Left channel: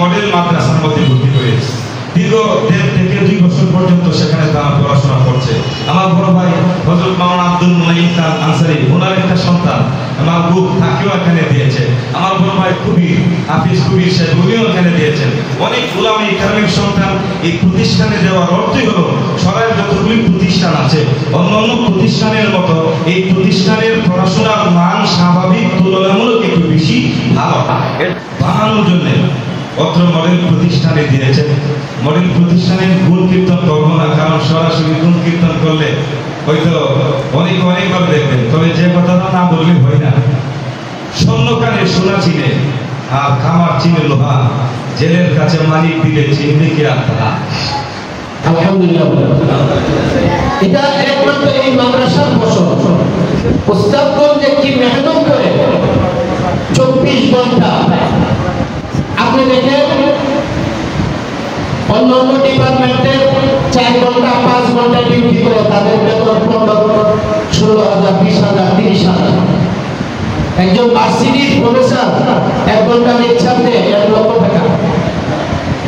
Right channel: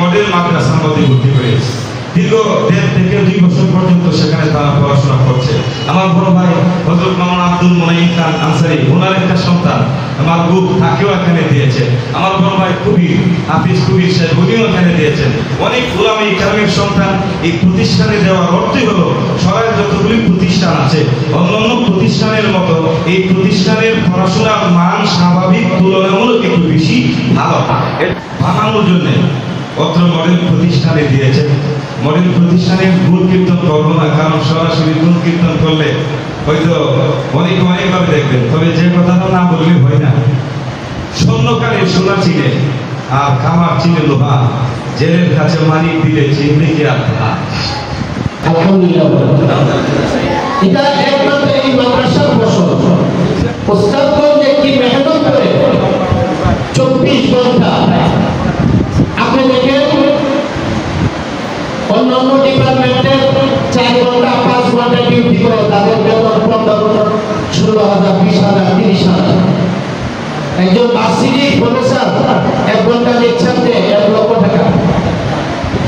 Model মাদ্রাসার মধ্যে ভর্তি করেছে। দীর্ঘ 1.5 থেকে 2 বছর পর্যন্ত সেখানে তারা পড়াশোনা করছে। আমার বড় ভাই হযরত মাওলানা আব্দুল মুনাইম খান আনসারী, ওনার একটা সন্তান আমার গ্রুপ তাকেও এখানে দিয়েছে। আমার বড় ভাই কবির হাফিজ কবির সাহেব, উনিও এখানে দিয়েছেন। অনেক উলামায়ে কেরামের সন্তান এই প্রতিষ্ঠানে দেওয়ার অর্থই হলো সরাইয়ের যতগুলি প্রতিষ্ঠান আছে অন্যান্য প্রতিষ্ঠানের মতো এই প্রতিষ্ঠানের পড়াশোনার মান স্বাভাবিক তুলনামূলক একটু বেশি ভালো বানানোর জন্য অত্র মডেল প্রতিষ্ঠানে দিয়েছেন। মডেল প্রতিষ্ঠানের গুণ কীর্তন করবো না, কারণ সরাসরি গুণ কীর্তন করলে হয়তো অনেকভাবে দেখবেন, তবে যে কথাটা না বললে হয় না। স্বর্ণকারে সোনা চিনে আর খামার চিনে লোহা, জেলের কাছে মালিক দিলে চিনবে কি আর তা। আলহামদুলিল্লাহ, এটা একমাত্র এই মাদ্রাসার ফসল। ওস্তাদগণ কি মেহনত করে 24 ঘন্টা। আপনি দেখেন অন্যান্য ডিপার্টমেন্টে 4 ঘন্টা 5 ঘন্টা ডিউটি করে তাদের বেতন 15, 16,000, 20,000, 30,000। একজন ভার্সিটির প্রফেসর 1 ঘন্টা লেকচার দেয় 1 লক্ষ টাকা।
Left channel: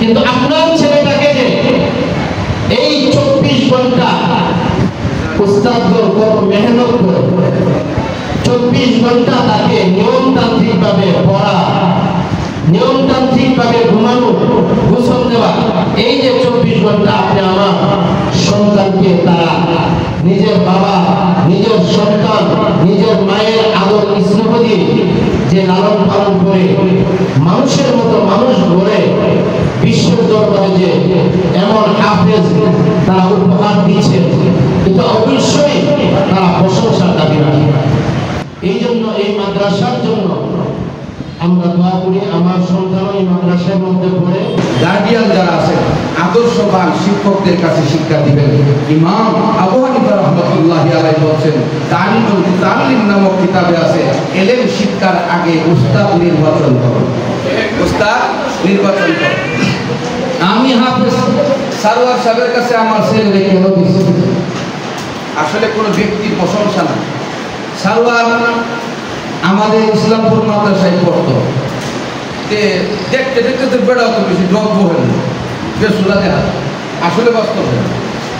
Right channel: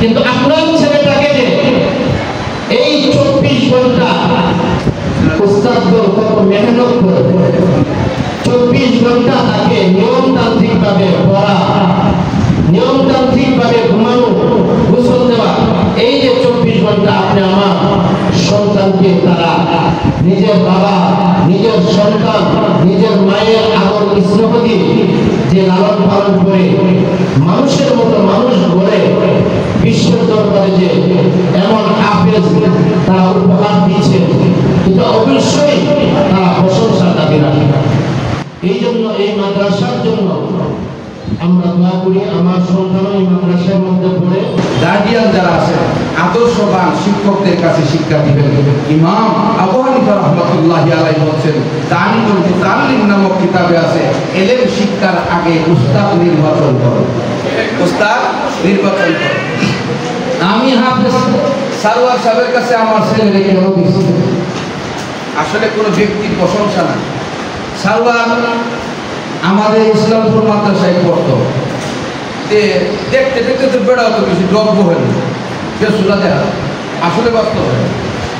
কিন্তু আপনার ছেলেটাকে যে এই 24 ঘন্টা উস্তাদগণ কত মেহনত করে 24 ঘন্টা তাকে নিয়মতান্ত্রিক ভাবে পড়া, নিয়মতান্ত্রিক ভাবে ঘুমানো, গোসল দেওয়া, এই যে 24 ঘন্টা আপনি আমার সন্তানকে তারা নিজের বাবা, নিজের সন্তান, নিজের মায়ের আদর স্নেহ দিয়ে যে লালন পালন করে মানুষের মতো মানুষ গড়ে বিশ্বের দরবারে যে এমন হাফেজ তারা উপহার দিচ্ছে, কিন্তু অবশ্যই তারা প্রশংসার দাবি রাখে। এই জন্য এই মাদ্রাসার জন্য আমরা দোয়া করি আমার সন্তান এই মাদ্রাসার মধ্যে পড়ে। গার্ডিয়ান যারা আছেন আদর্শবান শিক্ষকদের কাছে শিক্ষা দিবেন। ইমাম আবু হানিফা রাহমাতুল্লাহি আলাইহি বলেন তালিমুল মুতাআল্লিম নামক কিতাবে আছে ইলম শিক্ষার আগে উস্তাদ নির্বাচন করো, উস্তাদ নির্বাচন করো। আমি হাফেজ সারওয়ার সাহেবের কাছে আমার ছেলে কেন দিয়েছি, আসলে কোনো ব্যক্তির প্রশংসা না। সারওয়ার আমাদের ইসলামপুর মাদ্রাসায় পড়তো, দেখতে দেখতে তো বেড়া অত বেশি দ্রব্য হয় না, বেসুলা দেখা আসলে বাস্তব হয়।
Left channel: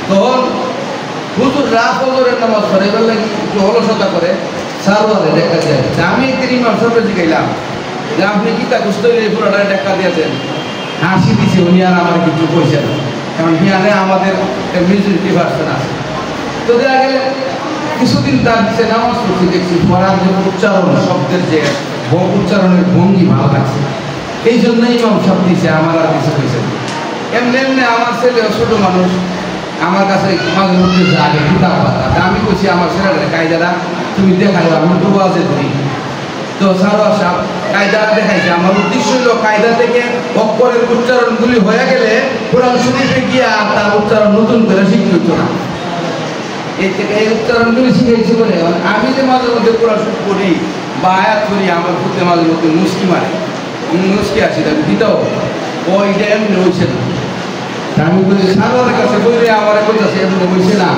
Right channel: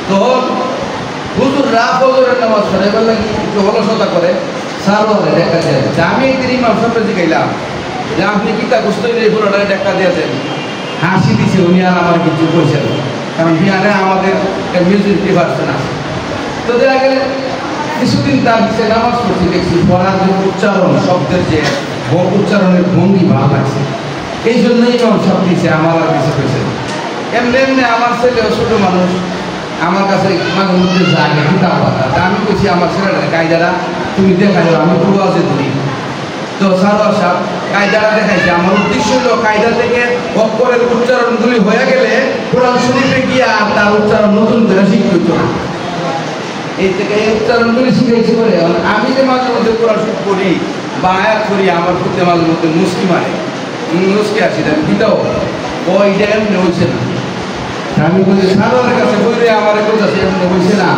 তখন হুজুর ফজরের নামাজ পড়াইবার লাগি একটু অলসতা করে সারওয়ারে দেখা দিয়ে। আমি একদিন ইমাম সাহেবকে জিগাইলাম যে আপনি কি তা গুস্ত এই পুরোটা দেখা দিয়েছেন? হাসি দিছে উনি, আর আমার কিছু কইছেন, কারণ হিয়ানে আমাদের মেজরিটি ভার্সন আছে। তো দেখা গেলে কিছুদিন তার দিচ্ছে নামাজ পড়ছি, দেখছি পড়ার যে উচ্চারণ, শব্দের যে উচ্চারণের ভঙ্গি ভালো লাগছে, এই জন্যই ইমাম সব দিছে, আমার আর কিছু কইছে না। এমনি এমনি আমার ছেলে ছোট মানুষ আমার কাছে মাঝে মধ্যে জাগে কিতাব পাতা, আমি কইছি আমার ছেলেটা কায়দারা তুমি দেখালো, আমি দুয়াজে ধরি। তো সারওয়ার সাহেব কায়দারা দেখাইছে। আমার উদ্দেশ্য হলো কায়দা থেকে অক্ষরের উচ্চারণগুলি হয়ে গেলে কোরআন শরীফে গিয়ে আর তার উচ্চারণ নতুন করে শিখতে হইতো না। এই থেকে এই উচ্চারণগুলি শিখেছি বলে আমি যে মাঝে মধ্যে কোরআন শরীফ পড়ি বা আয়াত করি, আমার প্রতি মাঝে মধ্যে মুস্কি মারে, মুস্কি আসি তাকে দিতাও ওইটা এমনি হয়েছে না। আমি বলছি সাধারণের কাছে বইরে আমার কইতাছে এমনি হয়েছে না,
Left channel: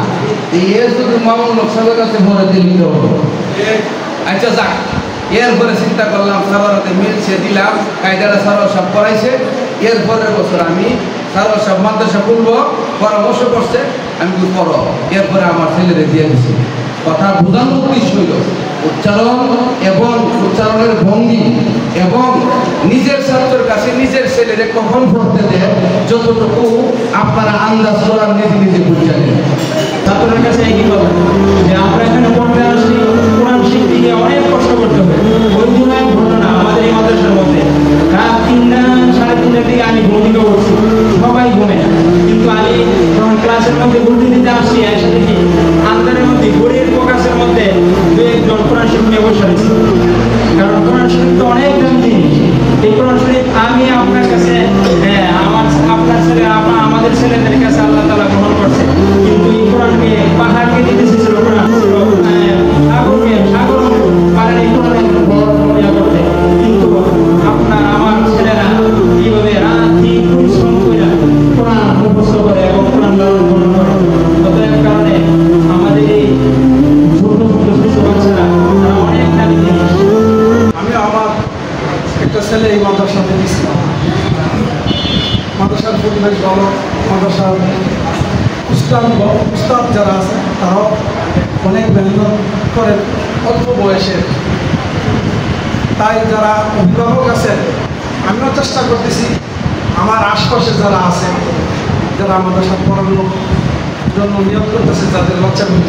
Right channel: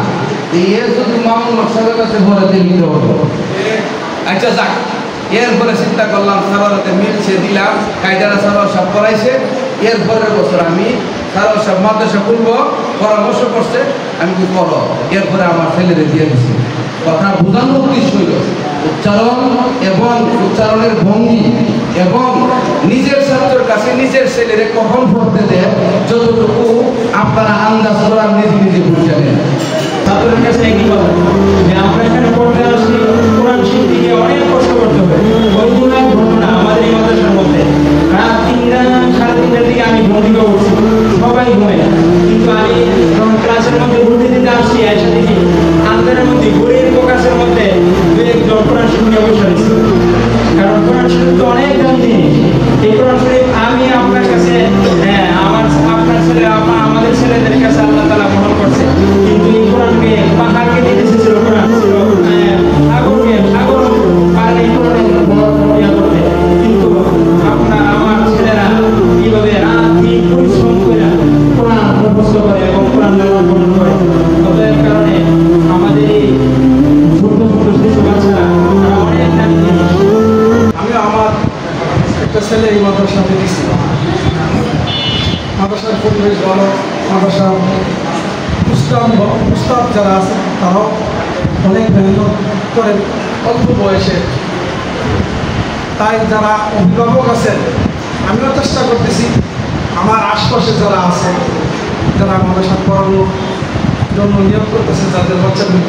এ শুধু মামুন সাহেবের কাছে ভরাতে নিতে হবে। আচ্ছা যাক, এরপরে চিন্তা করলাম সারোয়ারাতে মিলছে, দিলাম কায়দারা সারোয়ার সাহেব পড়াইছে। এরপরের বছর আমি সারোয়ার সাহেব মাদ্রাসা খুলবো, পরামর্শ করছে, আমি করো। এরপরে আমার ছেলেরে দিয়ে দিছি। কথা বোঝানোর উদ্দেশ্য হইল উচ্চারণ এবং উচ্চারণের ভঙ্গি এবং নিজের ছাত্রের কাছে নিজের ছেলেরে কখন পড়তে দেয় যতটুকু আপনারা আন্দাজ করার নিজে নিজে বুঝে নেন। ছাত্রদের কাছে একই কথা যে আমরা এখানে পড়তে আসি, কোরআন শিখতে গিয়ে অনেক কষ্ট করতে হবে। ওই দিন এক ঘটনা আমাদের এই মাদ্রাসার মধ্যে, রাত 3টা 3:30টার দিকে আমি ঘুমিয়ে উঠছি, সবাই ঘুমে, কিন্তু আমি যখন ক্লাসের মধ্যে ঘুরতে দিতে আসছি এসে দেখি আন্দারের মধ্যে ঘড়ির ফোকাসের মধ্যে 2-1 কোরআন শরীফ নিয়ে বসে রয়েছে। কারণ কোরআন শরীফ তো অনেক দাম জিনিস। এই কোরআন শরীফ আমি আপনার কাছে, আপনার ছেলে আমাদের ছেলেদের কাছে আল্লাহ তাআলা গ্রহণ করছে, কিন্তু এই কোরআনকে পাহাড়কে দিতে চেয়েছিল, কোরআন সাগরকে সাগর এই মাদ্রাসাতে দিছি। মাদ্রাসার পরিবেশ ভালো, মাদ্রাসার উস্তাদ যারা আছে তারাও অনেক মেহনত করেন অল্প বয়সে। তাই যারা অভিভাবক আছেন, আমিও চেষ্টা করতেছি আমার আশপাশে যারা আছে, যারা মাদ্রাসা পড়ানোর জন্য নিয়োগ করতেছে যাদের বাচ্চাগুলি,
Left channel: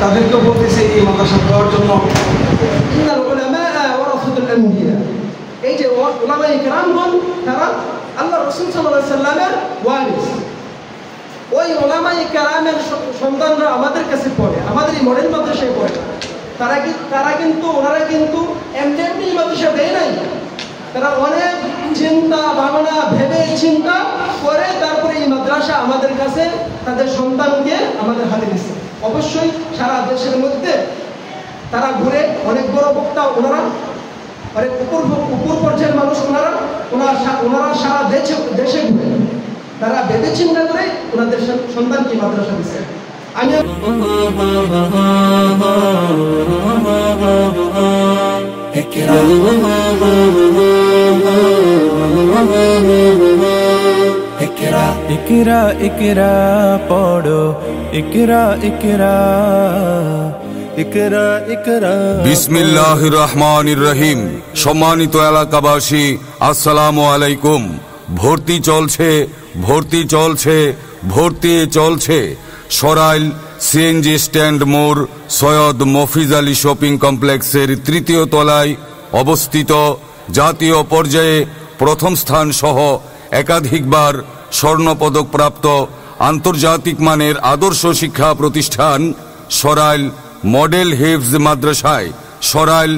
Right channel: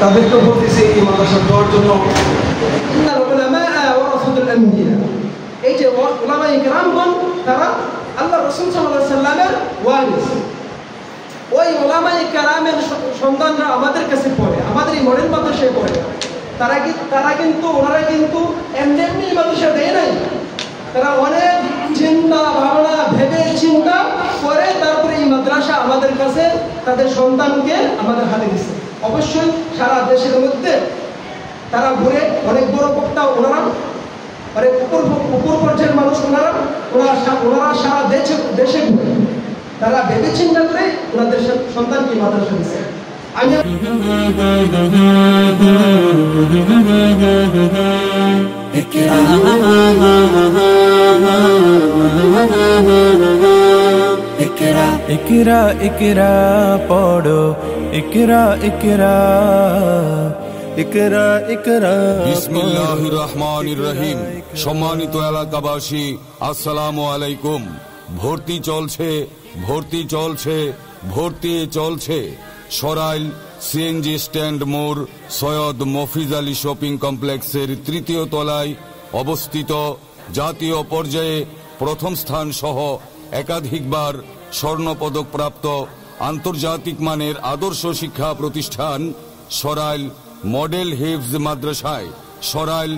তাদেরকেও বলতেছি এই মাদ্রাসা দেওয়ার জন্য। এই যে উলামায়ে কেরামগণ তারা আল্লাহ রাসূল সাল্লাল্লাহু আলাইহি সাল্লামের ওয়ারিস। ওই উলামায়ে কেরামের সন্তানরা আমাদের কাছে পড়ে, আমাদের এই মডেল মাদ্রাসায় পড়ে। ওনারা কিন্তু এমনি মাদ্রাসা দেয় নাই। তারা অনেক চিন্তা ভাবনা ভেবে চিন্তা করে তারপরে এই মাদ্রাসা আমাদের কাছে তাদের সন্তানকে আমাদের হাতে দিচ্ছে। অবশ্যই সারা দেশের মধ্যে তারা ঘুরে, অনেক বড় বক্তা ওনারা, অনেক উপর পর্যায়ের মানুষ ওনারা সারা দেশে ঘুরে তারা ভেবে চিন্তা করে ওনাদের সন্তানকে মাদ্রাসা দিচ্ছে। আমি ইকরা ইকরা পড়ো, ইকরা ইকরা ইকরা ইকরা। বিসমিল্লাহির রহমানির রহিম। সম্মানিত এলাকাবাসী, আসসালামু আলাইকুম। ভর্তি চলছে, ভর্তি চলছে, ভর্তি চলছে। সরাইল সিএনজি স্ট্যান্ড মোড় সৈয়দ মফিজ আলী শপিং কমপ্লেক্সের তৃতীয় তলায় অবস্থিত জাতীয় পর্যায়ে প্রথম স্থান সহ একাধিকবার স্বর্ণপদক প্রাপ্ত আন্তর্জাতিক মানের আদর্শ শিক্ষা প্রতিষ্ঠান সরাইল মডেল হিফজ মাদ্রাসায়, সরাইল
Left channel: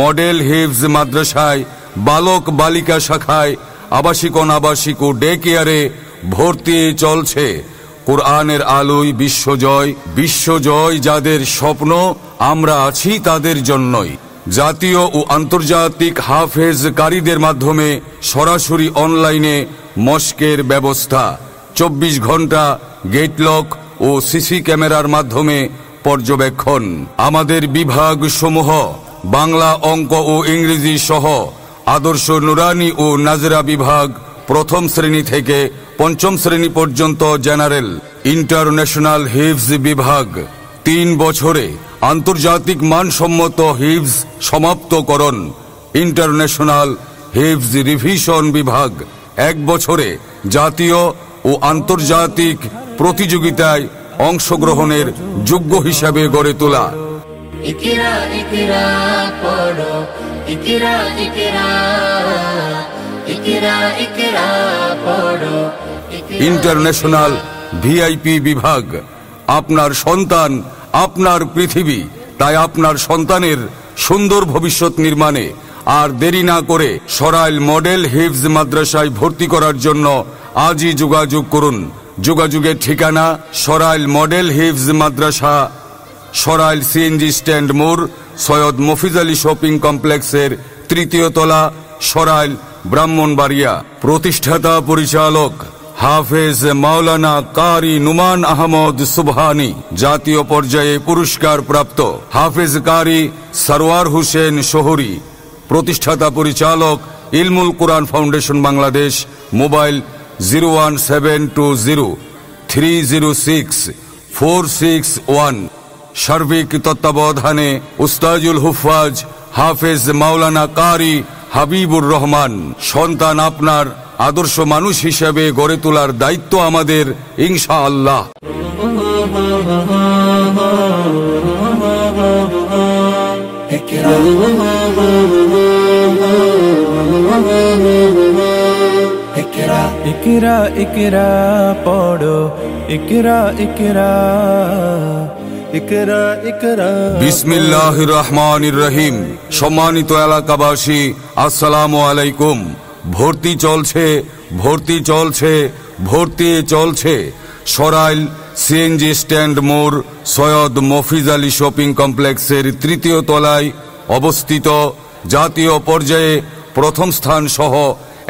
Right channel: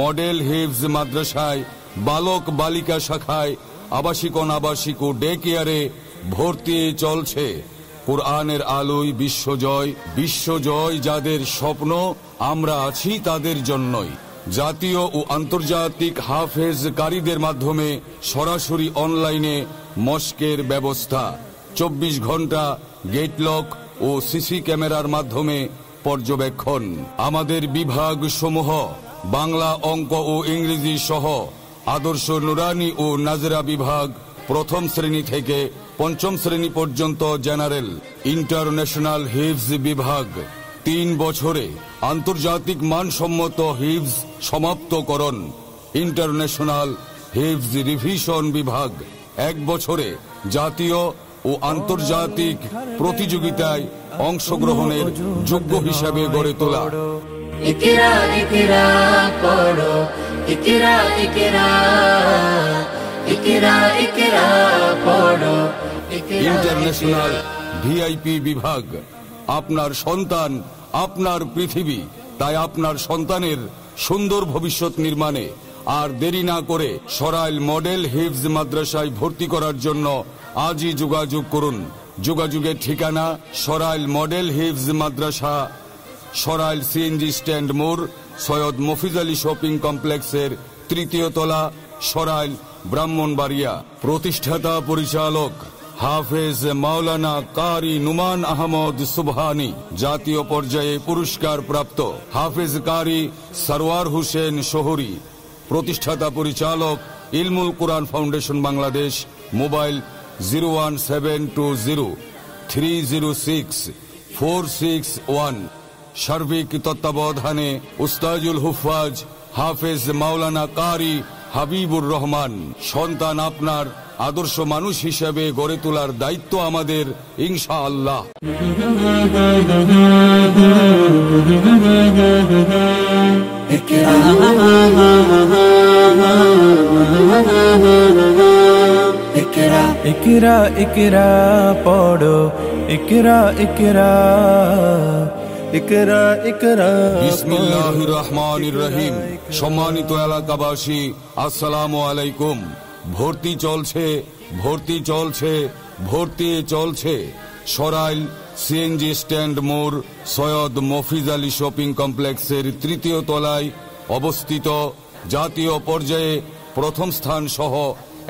মডেল হিফজ মাদ্রাসায় বালক বালিকা শাখায় আবাসিক অনাবাসিক ও ডে কেয়ারে ভর্তি চলছে। কোরআনের আলোয় বিশ্বজয়, বিশ্বজয় যাদের স্বপ্ন, আমরা আছি তাদের জন্যই। জাতীয় ও আন্তর্জাতিক হাফেজ কারীদের মাধ্যমে সরাসরি অনলাইনে মস্কের ব্যবস্থা, 24 ঘন্টা গেটলক ও সিসি ক্যামেরার মাধ্যমে পর্যবেক্ষণ। আমাদের বিভাগ সমূহ বাংলা, অঙ্ক ও ইংরেজি সহ আদর্শ নুরানি ও নাজরা বিভাগ প্রথম শ্রেণী থেকে পঞ্চম শ্রেণী পর্যন্ত জেনারেল, ইন্টারন্যাশনাল হিফজ বিভাগ 3 বছরে আন্তর্জাতিক মানসম্মত হিফজ সমাপ্তকরণ, ইন্টারন্যাশনাল হিফজ রিভিশন বিভাগ 1 বছরে জাতীয় ও আন্তর্জাতিক প্রতিযোগিতায় অংশগ্রহণের যোগ্য হিসাবে গড়ে তোলা। ইকরা ইকরা পড়ো, ইকরা ইকরা ইকরা ইকরা পড়ো। ইন্টারন্যাশনাল ভিআইপি বিভাগ, আপনার সন্তান আপনার পৃথিবী, তাই আপনার সন্তানের সুন্দর ভবিষ্যৎ নির্মাণে আর দেরি না করে সরাইল মডেল হিফজ মাদ্রাসায় ভর্তি করার জন্য আজই যোগাযোগ করুন। যোগাযোগের ঠিকানা সরাইল মডেল হিফজ মাদ্রাসা, সরাইল সিএনজি স্ট্যান্ড মোড় সৈয়দ মফিজ আলী শপিং কমপ্লেক্সের তৃতীয় তলা, সরাইল, ব্রাহ্মণবাড়িয়া। প্রতিষ্ঠাতা পরিচালক হাফেজ মাওলানা কারি নুমান আহমদ সুবহানি, জাতীয় পর্যায়ে পুরস্কার প্রাপ্ত হাফেজ কারি সরওয়ার হোসেন শহরী। প্রতিষ্ঠাতা পরিচালক ইলমুল কুরআন ফাউন্ডেশন বাংলাদেশ। মোবাইল 01720306461। সার্বিক তত্ত্বাবধানে উস্তাজুল হুফাজ হাফেজ মাওলানা কারি হাবিবুর রহমান। সন্তান আপনার আদর্শ মানুষ হিসেবে গড়ে তোলার দায়িত্ব আমাদের, ইনশাআল্লাহ। ইকরা ইকরা পড়ো, ইকরা ইকরা ইকরা ইকরা। বিসমিল্লাহির রহমানির রহিম। সম্মানিত এলাকাবাসী, আসসালামু আলাইকুম। ভর্তি চলছে, ভর্তি চলছে, ভর্তি চলছে। সরাইল সিএনজি স্ট্যান্ড মোড় সৈয়দ মফিজ আলী শপিং কমপ্লেক্সের তৃতীয় তলায় অবস্থিত জাতীয় পর্যায়ে প্রথম স্থান সহ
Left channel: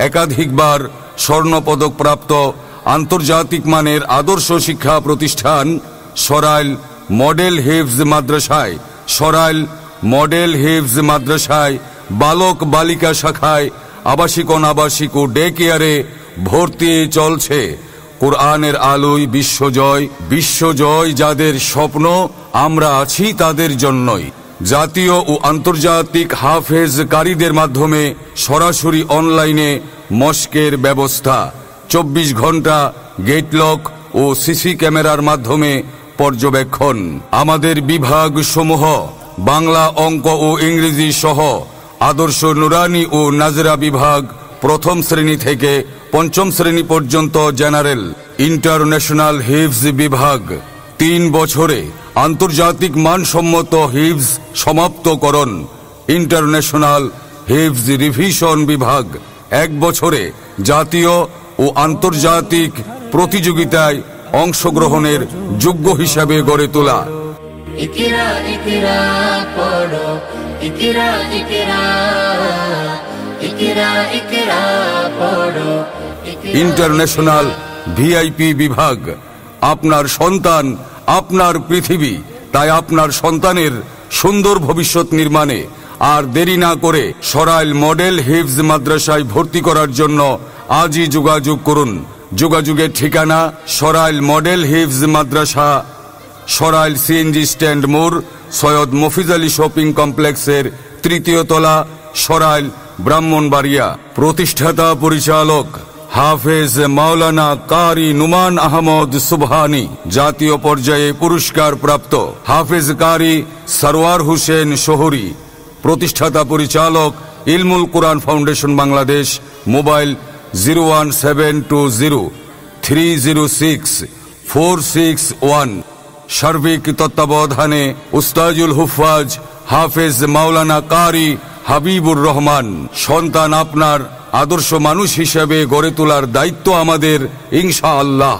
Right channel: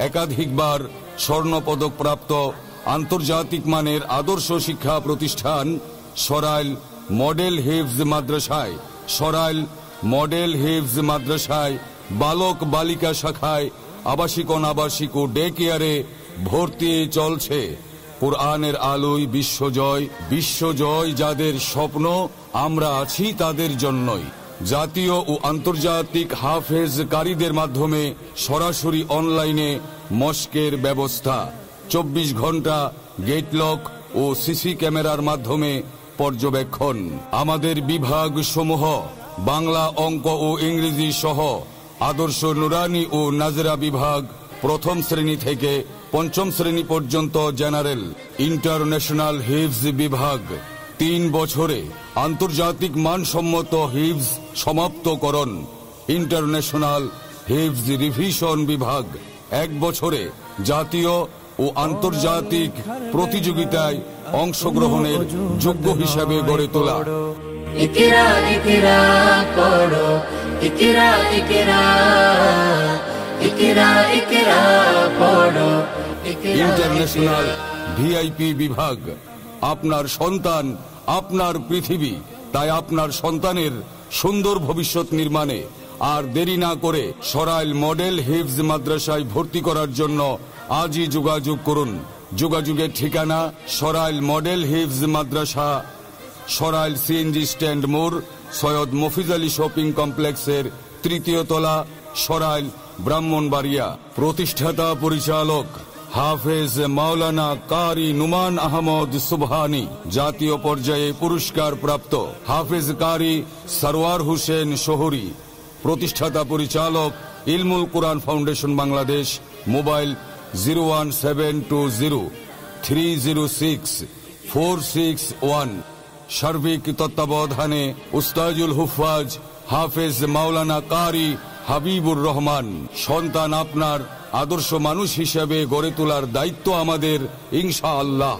একাধিকবার স্বর্ণপদক প্রাপ্ত আন্তর্জাতিক মানের আদর্শ শিক্ষা প্রতিষ্ঠান সরাইল মডেল হিফজ মাদ্রাসায়, সরাইল মডেল হিফজ মাদ্রাসায় বালক বালিকা শাখায়, আবাসিক অনাবাসিক ও ডে কেয়ারে ভর্তি চলছে। কোরআনের আলোয় বিশ্বজয়, বিশ্বজয় যাদের স্বপ্ন, আমরা আছি তাদের জন্যই। জাতীয় ও আন্তর্জাতিক হাফেজ কারীদের মাধ্যমে সরাসরি অনলাইনে মস্কের ব্যবস্থা, 24 ঘন্টা গেটলক ও সিসি ক্যামেরার মাধ্যমে পর্যবেক্ষণ। আমাদের বিভাগ সমূহ বাংলা, অঙ্ক ও ইংরেজি সহ আদর্শ নুরানি ও নাজরা বিভাগ প্রথম শ্রেণী থেকে পঞ্চম শ্রেণী পর্যন্ত জেনারেল, ইন্টারন্যাশনাল হিফজ বিভাগ 3 বছরে আন্তর্জাতিক মানসম্মত হিফজ সমাপ্তকরণ, ইন্টারন্যাশনাল হিফজ রিভিশন বিভাগ 1 বছরে জাতীয় ও আন্তর্জাতিক প্রতিযোগিতায় অংশগ্রহণের যোগ্য হিসাবে গড়ে তোলা। ইকরা ইকরা পড়ো, ইকরা ইকরা, ইকরা ইকরা পড়ো। ইন্টারন্যাশনাল ভিআইপি বিভাগ, আপনার সন্তান আপনার পৃথিবী, তাই আপনার সন্তানের সুন্দর ভবিষ্যৎ নির্মাণে আর দেরি না করে সরাইল মডেল হিফজ মাদ্রাসায় ভর্তি করার জন্য আজই যোগাযোগ করুন। যোগাযোগের ঠিকানা সরাইল মডেল হিফজ মাদ্রাসা, সরাইল সিএনজি স্ট্যান্ড মোড়, সৈয়দ মফিজ আলী শপিং কমপ্লেক্সের 3য় তলা, সরাইল, ব্রাহ্মণবাড়িয়া। প্রতিষ্ঠাতা পরিচালক হাফেজ মাওলানা কারি নুমান আহমদ সুবহানি, জাতীয় পর্যায়ে পুরস্কার প্রাপ্ত হাফেজ কারি সরওয়ার হোসেন শহরী। প্রতিষ্ঠাতা পরিচালক ইলমুল কুরআন ফাউন্ডেশন বাংলাদেশ। মোবাইল 01720306461। সার্বিক তত্ত্বাবধানে উস্তাজুল হুফাজ হাফেজ মাওলানা কারি হাবিবুর রহমান। সন্তান আপনার আদর্শ মানুষ হিসেবে গড়ে তোলার দায়িত্ব আমাদের, ইনশাআল্লাহ।